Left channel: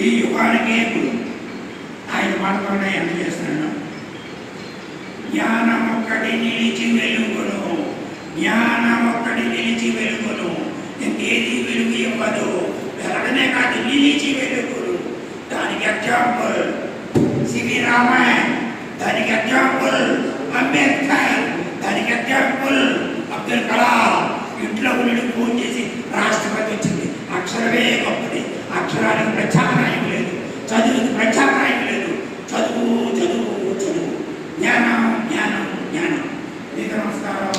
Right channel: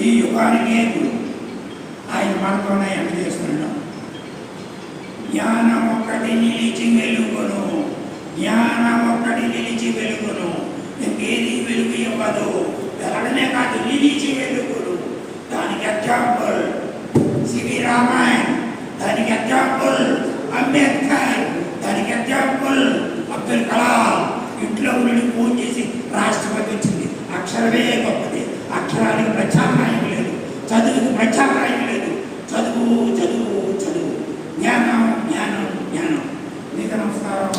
ఈ యుగానికి ఆయన మనతోనే ఎంత చేస్తున్నాడు. జ్ఞానం ఒక్కటి నిలిచి వెలుగును, జ్ఞానం ఒక్కటి నిలిచి వెలుగును, ఇంకేది వెలుగు ఇవ్వదు. వెలగనే కాదు, నిలిచి వెలుగును. దానికి ఎగ్జాంపుల్ సివి రామన్, దానికి ఎగ్జాంపుల్ అంబేద్కర్, దానికి ఎగ్జాంపుల్ అబ్దుల్ కలాం. ఇంట్లో ఉండి ఫోన్ చేసి రాష్ట్రపతి వచ్చింది. అక్షరమే గొప్పది. అక్షరానికి ప్రత్యామ్నాయం లేదు, చదువుకి ప్రత్యామ్నాయం లేదు. చదువు చదువు చదువు, జ్ఞానం జ్ఞానం జ్ఞానం. మీకు నమస్కారం.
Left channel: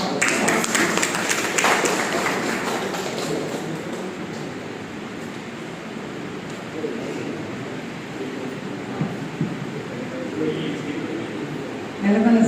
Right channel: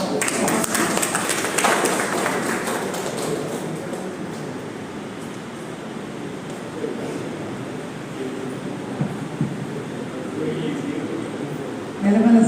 నెలమల